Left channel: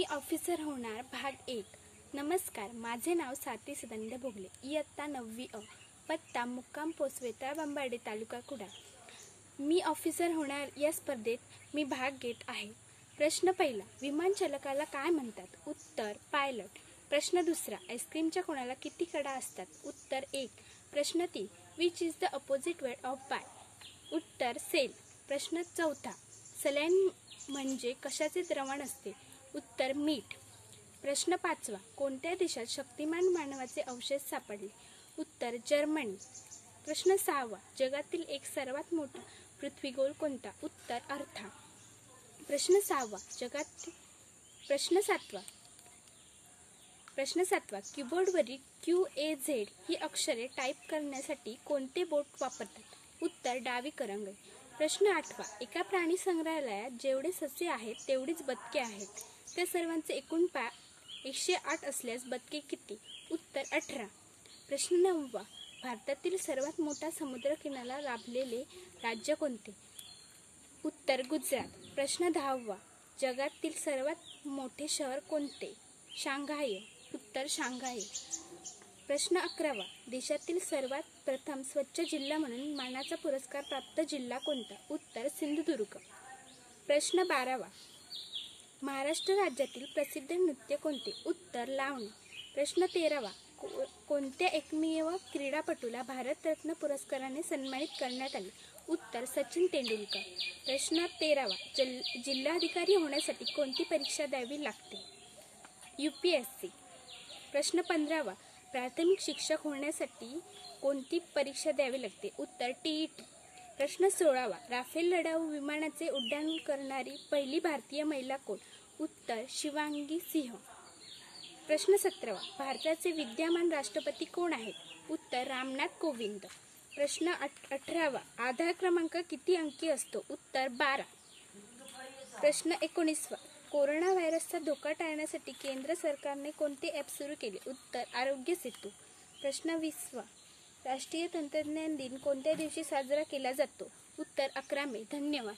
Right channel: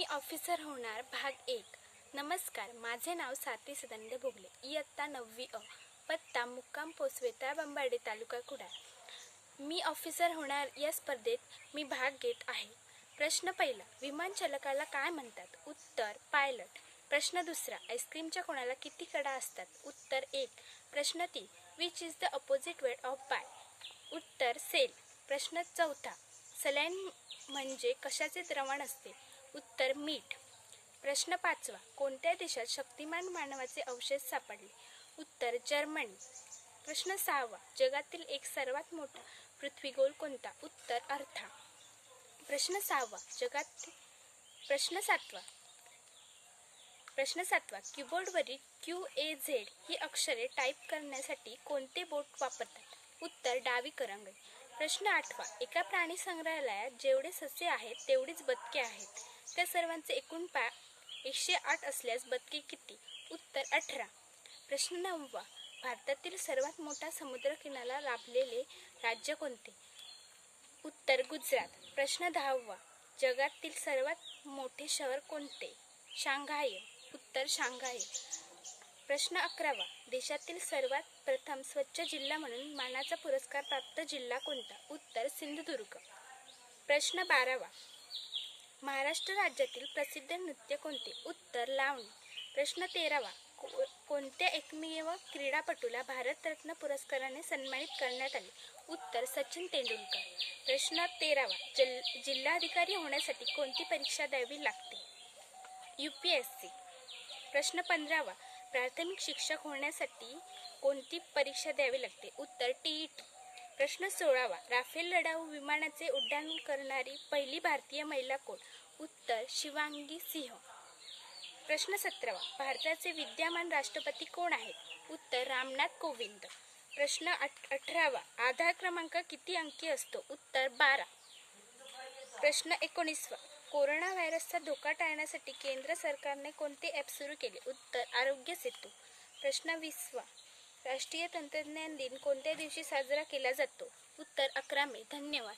मी officer होणार भाग 1। नमस्कार, माझे नाव साती सदानंद भोगले, इयत्ता 9वी अ, पत्ता मुक्काम पोस्ट वेताळाबंबार्डे, तालुका कुडाळ। मी ऑफिसर होणार या स्पर्धेत मी भाग घेत आहे। प्रश्न पहिला, विमान चालकाला काय म्हणतात? उत्तर, पायलट। प्रश्न दुसरा, आईस्क्रीमच्या कोणाला किती कडा असतात? उत्तर 1। प्रश्न 3, which is the opposite word of buy? उत्तर, सेल। प्रश्न चौथा, सलाईन म्हणजे कशाचे द्रवण असते? उत्तर, मीठ। प्रश्न 5वा, कोणत्या देशात शक्तिमान मानवाचे अवशेष सापडले? उत्तर, जर्मनी। प्रश्न 6वा, जगातील एक सर्वात मोठा पृथ्वीगोल कोणता? उत्तर, अर्था। प्रश्न 7वा, कीबोर्डवरील QAZ ही अक्षरे टाईप करण्यासाठी कोणते बोट वापरतात? उत्तर, डावी करंगळी। प्रश्न 8वा, एका प्राणी संग्रहालयात जेवढे ससे आहेत तेवढीच बदके आहेत, त्या सर्वांचे एकूण पाय 108 असल्यास बदके किती? उत्तर, 18। प्रश्न 9वा, भारतातील सर्वात मोठा समुद्रकिनारा लाभलेले राज्य कोणते? उत्तर, गुजरात। प्रश्न 10वा, जगातील सर्वात मोठे शहर कोणते? शांघाय। उत्तर, शांघाय। प्रश्न 11वा, देशातील सर्वात प्रथम स्वच्छ जिल्हा म्हणून मानाचा पुरस्कार प्राप्त जिल्हा कोणता? उत्तर, सिंधुदुर्ग। प्रश्न 12वा, महाराष्ट्र राज्यातील प्रसिद्ध नृत्य कोणते? उत्तर, लावणी। प्रश्न 13वा, कोणत्या एकमेव क्रीडापटूला भारतरत्न पुरस्काराने सन्मानित करण्यात आले? उत्तर, सचिन तेंडुलकर। प्रश्न 13वा, जिल्हाधिकारी होण्यासाठी कोणती परीक्षा द्यावी लागते? UPSC। प्रश्न 15वा, प्राथमिक शिक्षक होण्यासाठी कोणती परीक्षा द्यावी लागते? उत्तर, TET। प्रश्न 16वा, राफेल लढाऊ विमानाचे उड्डाण करणारी पहिली भारतीय महिला कोण? उत्तर, शिवांगी सिंह। प्रश्न 17वा, भारताचे विद्यमान राष्ट्रपती कोण आहेत? उत्तर, रामनाथ कोविंद। प्रश्न 18वा, आधार क्रमांक किती अंकी असतो? उत्तर, 12। प्रश्न 19वा, कोरोना व्हायरसचा धोका टाळण्यासाठी केंद्र सरकारने कोणते ॲप सुरू केले? उत्तर, आरोग्य सेतू। प्रश्न 20वा, राष्ट्रीय तंत्रज्ञान दिन कोणत्या दिवशी साजरा केला जातो? उत्तर, 11 मे। धन्यवाद।